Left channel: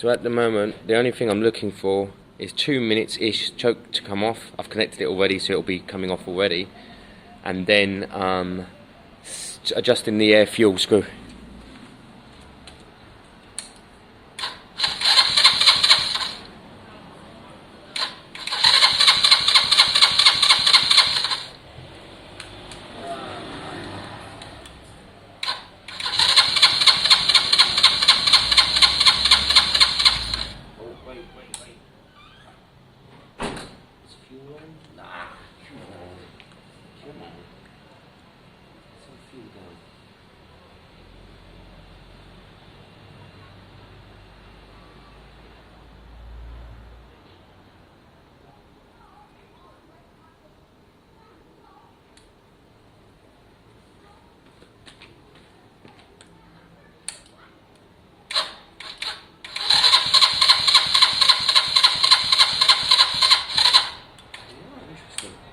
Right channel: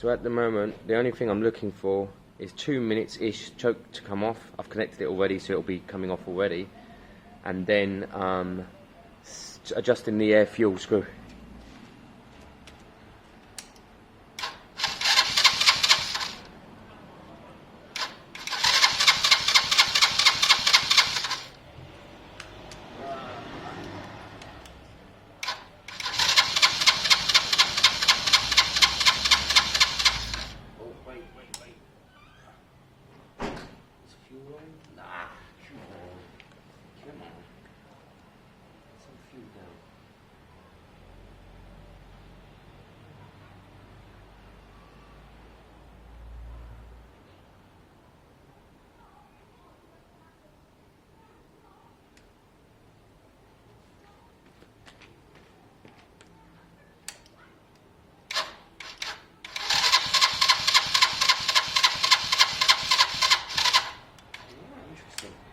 So at the moment, the only thing I'm looking for is 2 minutes-ish choke to come off. I've connected it already, so it'll be coming off already. And then adjusting the air fuel screw.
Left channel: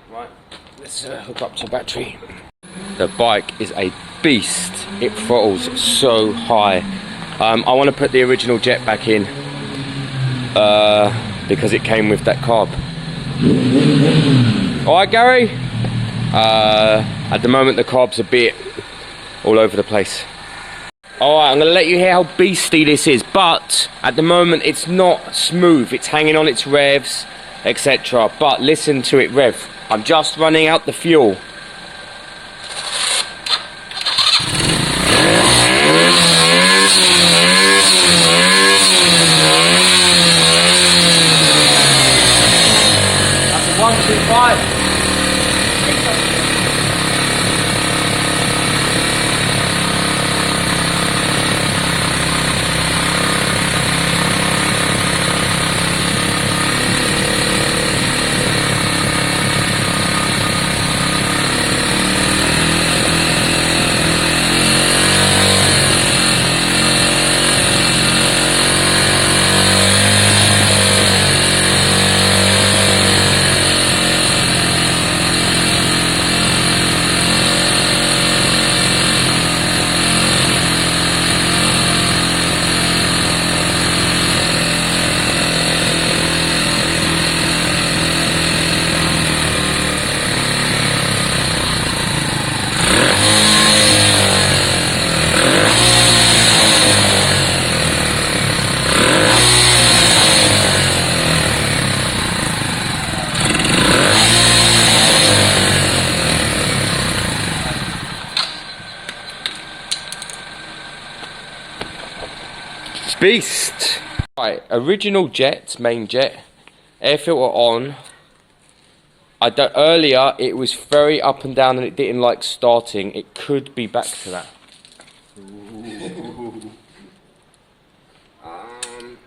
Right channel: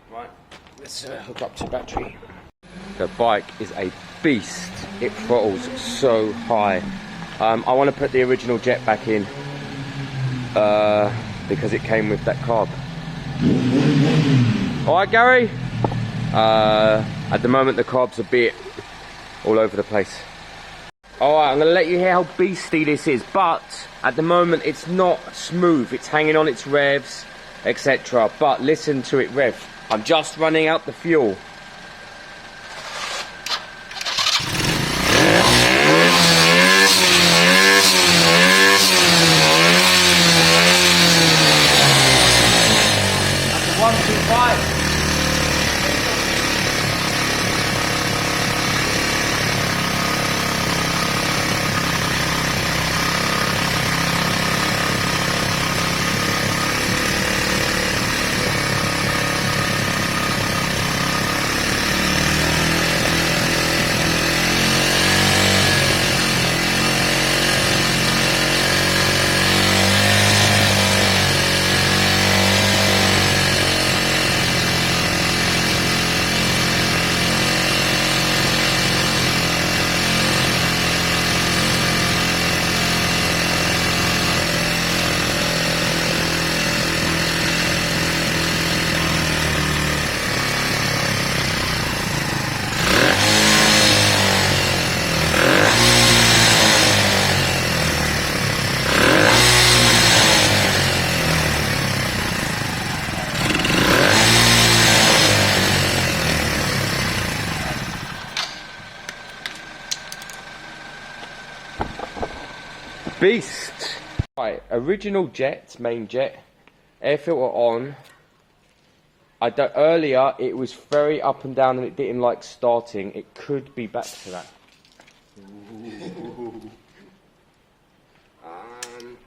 Right, let's hook up to battery. The bike is a beast. It throttles so high. I want to put the original jet back in because it came with that carb. Alright, Gary? At the moment the carb's a bit all over the place. Alright, I'm going to let you hear how beastly this is, but at the moment it's not smooth. It's hanging on its revs, etc. But listen to it rev. I'm just running out the fuel. That's a 125. Beast. Right, original jet, main jet, air filter on. Earlier it was very up and down and it didn't like starting. It could be back to that.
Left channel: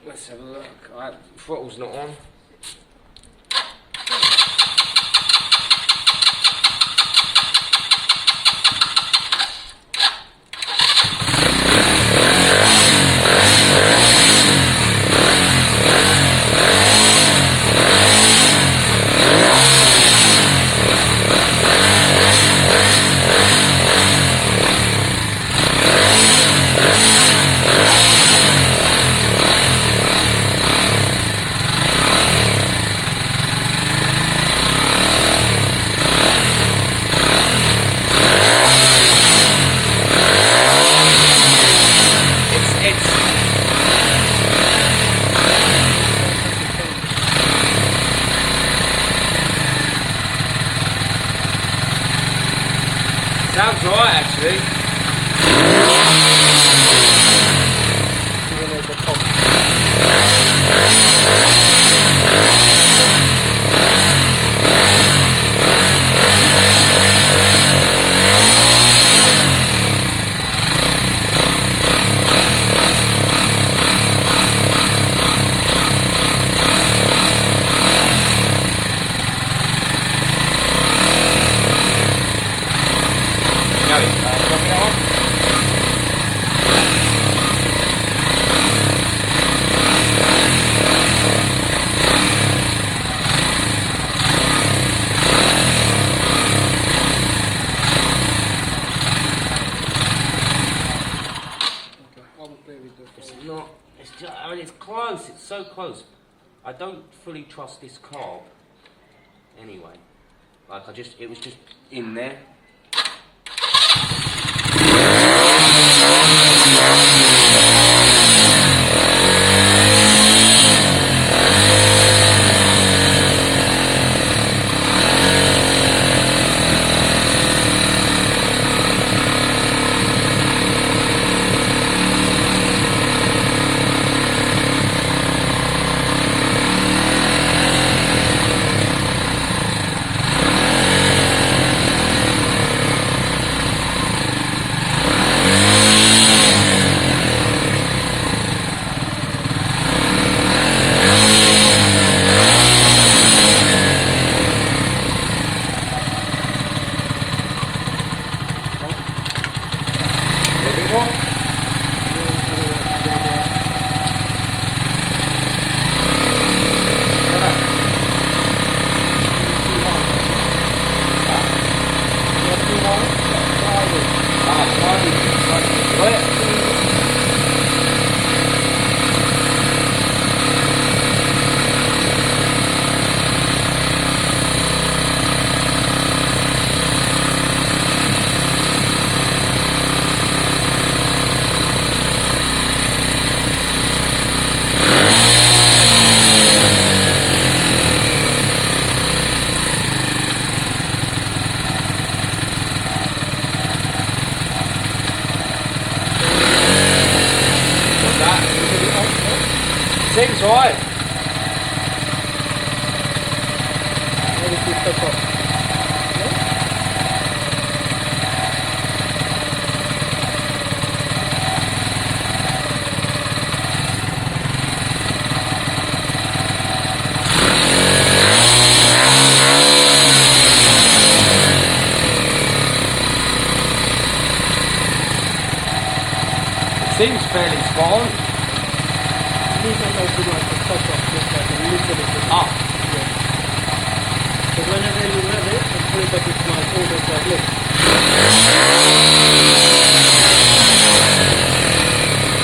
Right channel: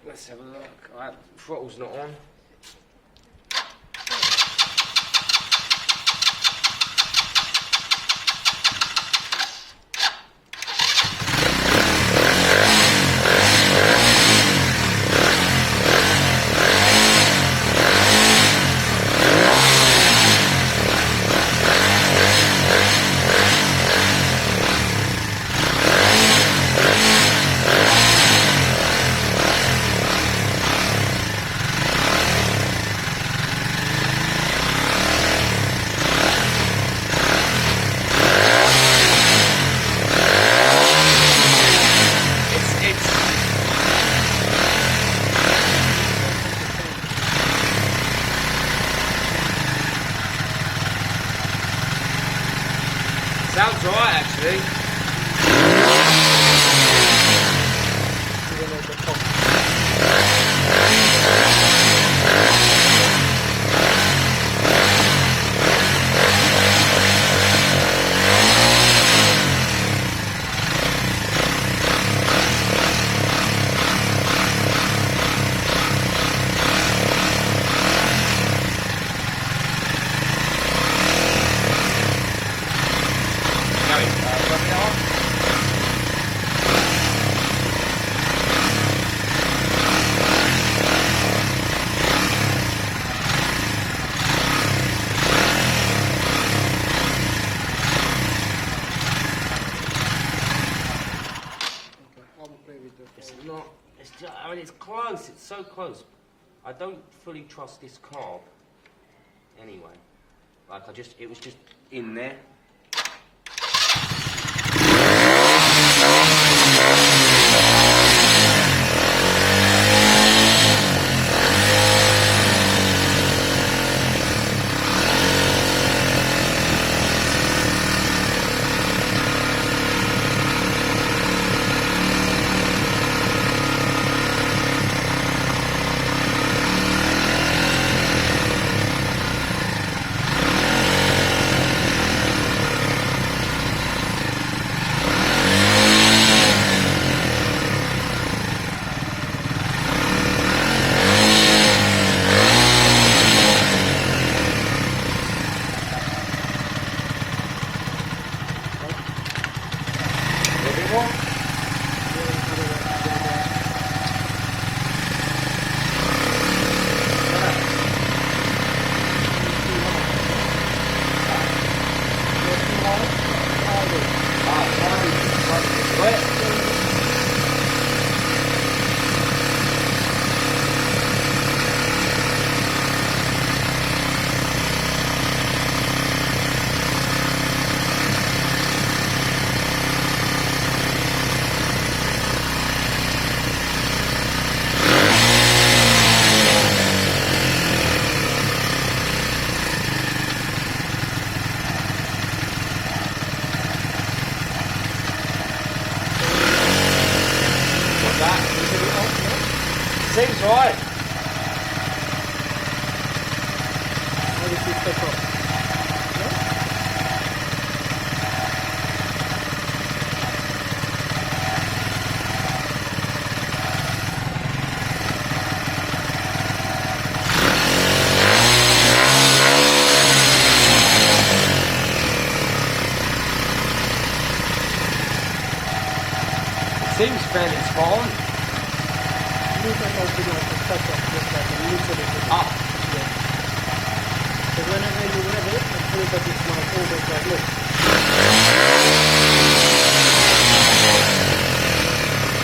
Let's have a look. Alright, throttle's not on. It's not. It's just, I mean, it's close. It's so close. I don't fully trust this carb. Anyway, like it was just in there. Seems right. Seems fairly spot on. So whenever you rev it, it's pretty much it's like almost like this.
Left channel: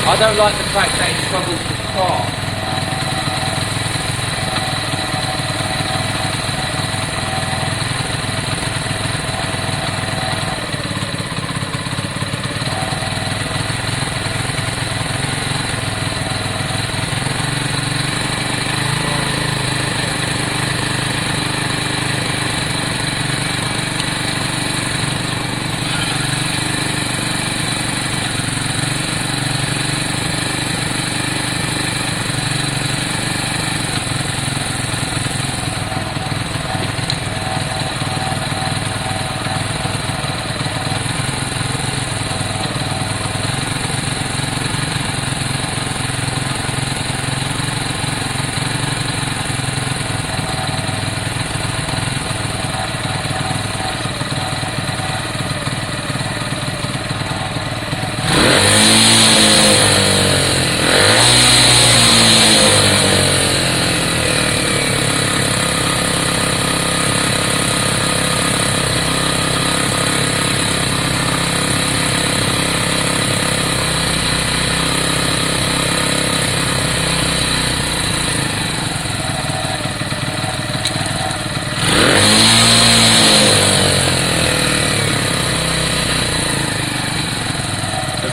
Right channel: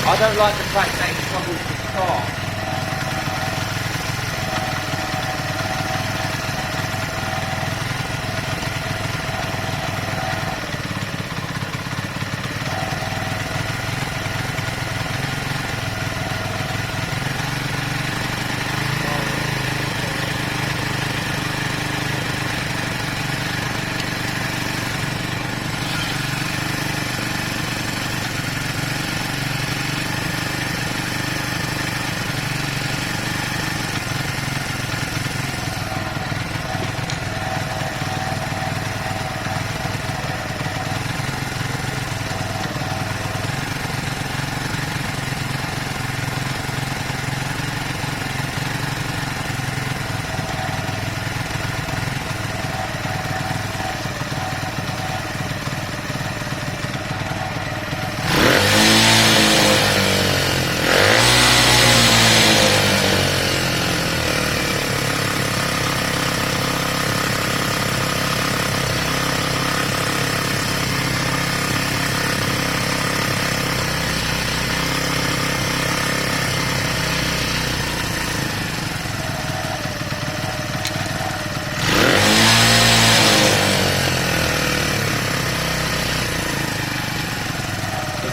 I don't like the fact that it struggles with the car.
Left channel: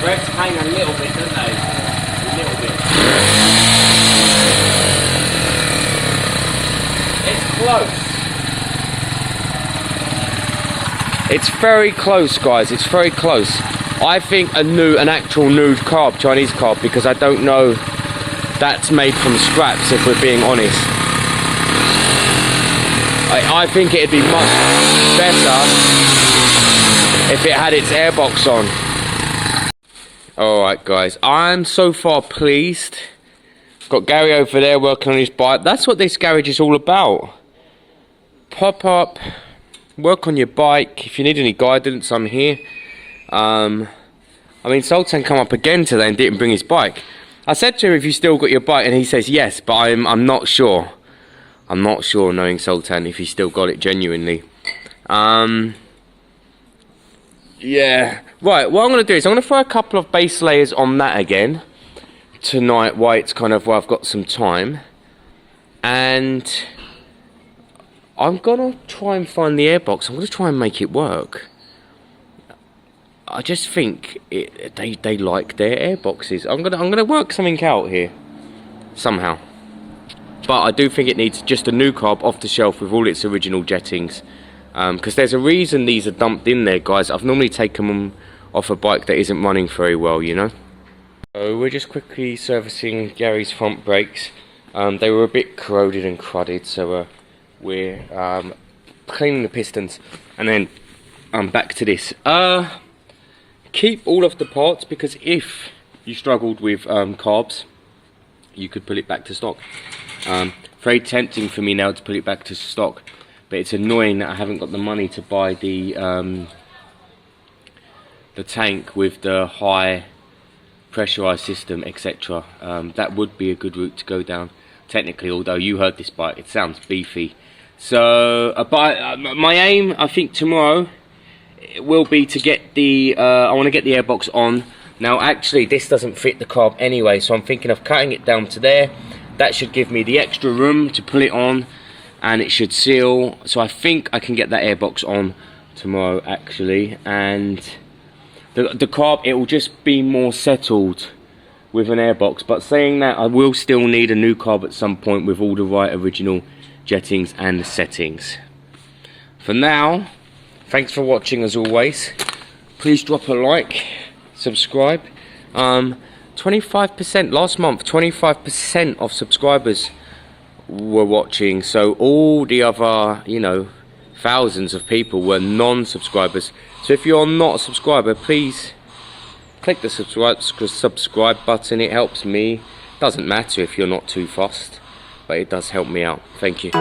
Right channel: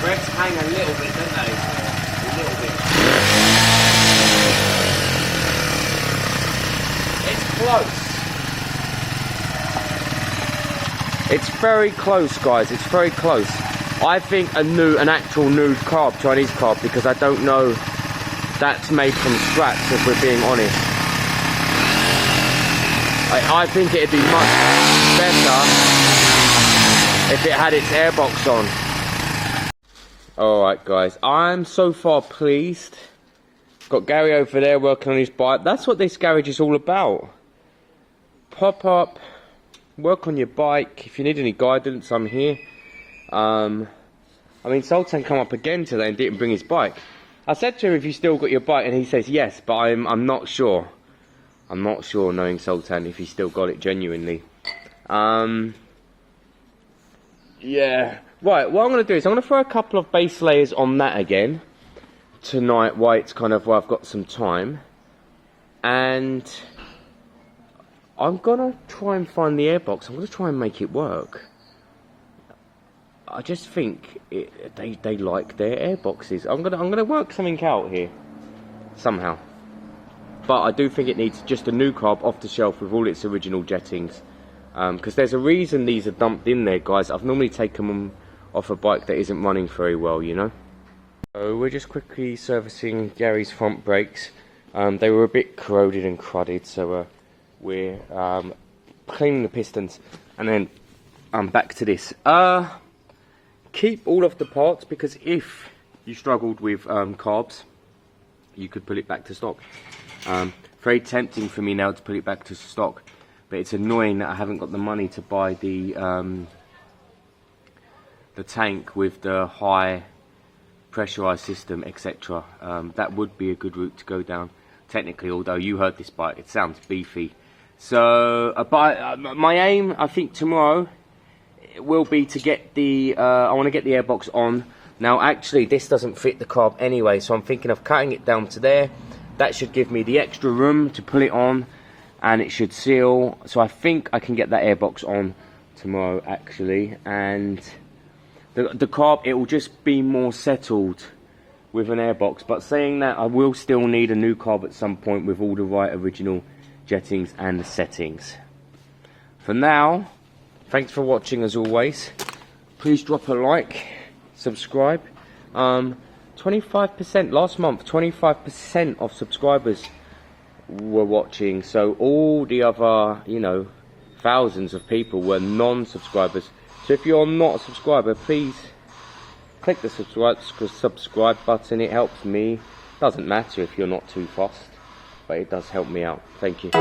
Revs hang a little bit, don't they? A little bit. It's close. It's very close, guys. It's very close. I think an actual new carb, Chinese carb, because I don't know that's made from scraps, if we're being honest. I think it'd be much better if it had its airbox on. Alright guys, I'm so far pleased. Got Gary over there working on his bike. That's what this garage is all about. Pop up, work on your bike. If you need any guidance, I'm here. I mean, Sultan come up again today and didn't bring his bike. I said to him, if you still got your bike, and he says yes, but I'm not sure. I'm not sure, knowing Sultan, if he still got it genuinely. Yeah. Right, what I'm going to do is I'm going to throw a couple of base layers on that again. tonight while it's kind of, well, I've got some time, and I'm gonna try and find the airbox. I'm gonna try and make it work. I just think they like their airboxes. I'm gonna work something out here somehow. But I do think it needs just a new carb off the shelf with all its original jettings, because there's a reason these are dumped in there, guys. I've normally taken them off a bike that isn't running very well, you know. So we're just quickly servicing Gary's front brakes. They were a bit corroded and crudded, so we're cleaning the pistons, and then back to this. Keep all of the parts, because if you struggled with carbs, you could pull it back to stock. Very tempting for me now to put it back to stock, but it's annoying that I haven't got the money to buy the tank with the high pressurized system, etc. That would be a good route to go down technically, although you heard this bike, it sounds beefy. So but my aim, I think tomorrow, will be to get the I want to get the airbox on. Now actually this doesn't fit the carb anyway, so I'm thinking of cutting it down to there. That should give me the extra room to pull it on, and it should seal. So I think I can get that airbox on tomorrow actually, and the carb, it will just be more settled with an airbox. But saying that, I will still need a new carb at some point with all the right original jettings and the settings. For now, thanks for watching as always. Please drop a like, subscribe. 25% last month, 25% of subscribers were watching, so all the other, you know, thousands of people were non-subscribers. So if you're not a subscriber, please click the subscribe button. It helps me. Doesn't matter if you're not too fussed, but it does help me out. Thank you.